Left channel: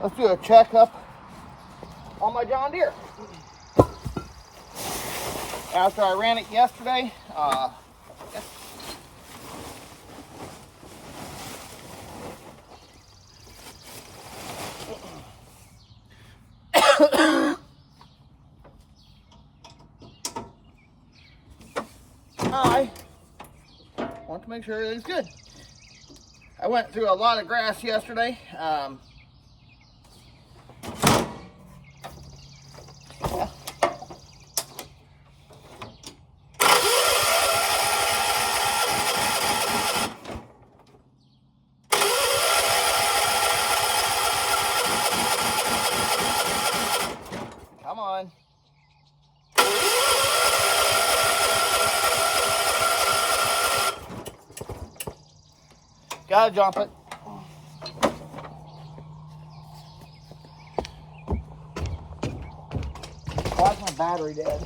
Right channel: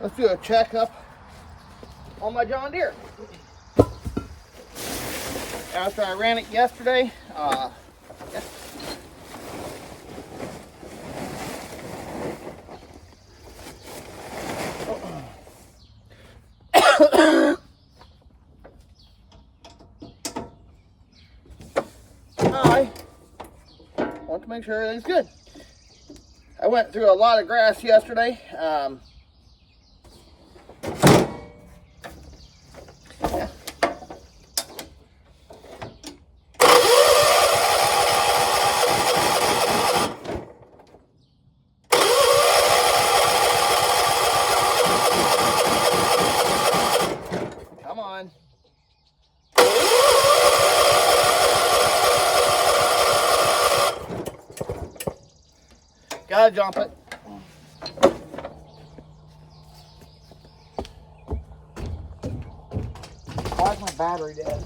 Let's do a checkup on my John Deere. After I ran it yesterday, yeah. I want to make sure everything's good. I went through a lot of grass yesterday. Yeah. Come on. Gotta jump it. Why is my battery dead?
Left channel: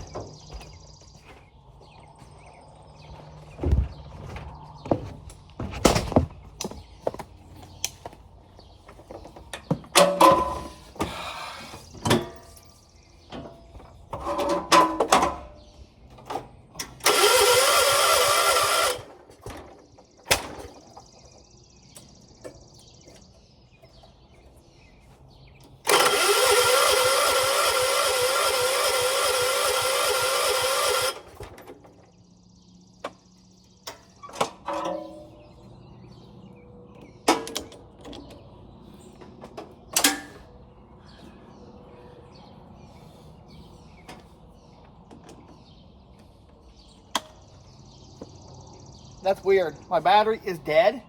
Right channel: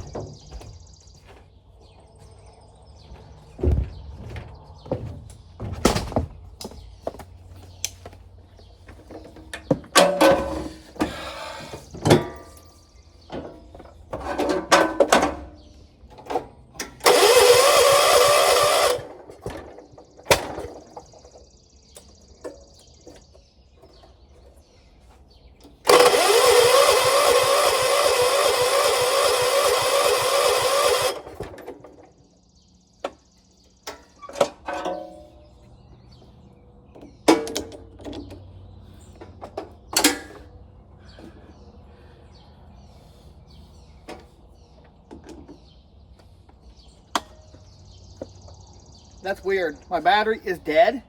That's weird. My battery is dead.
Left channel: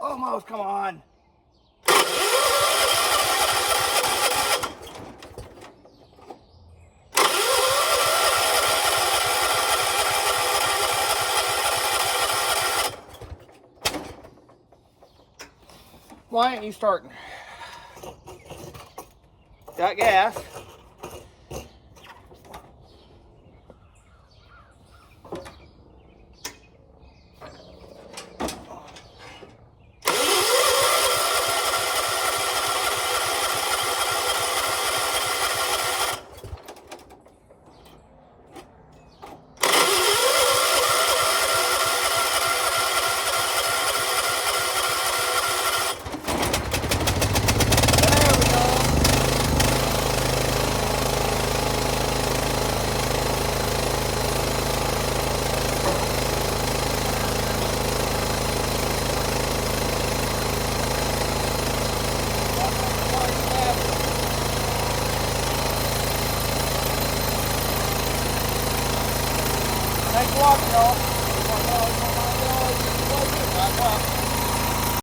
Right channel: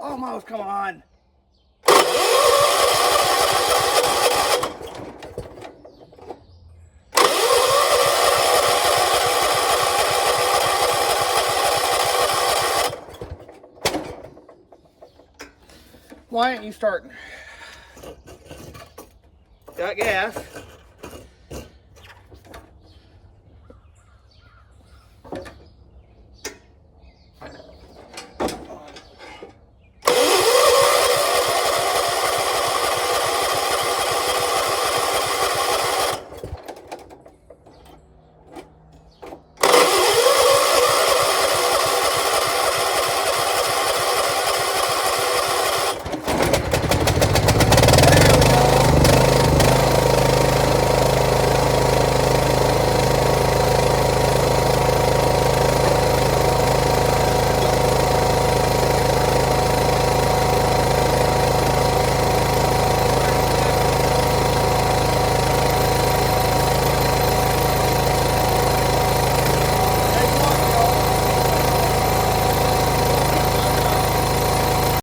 Almost, come on. Why ain't you starting? Got gas.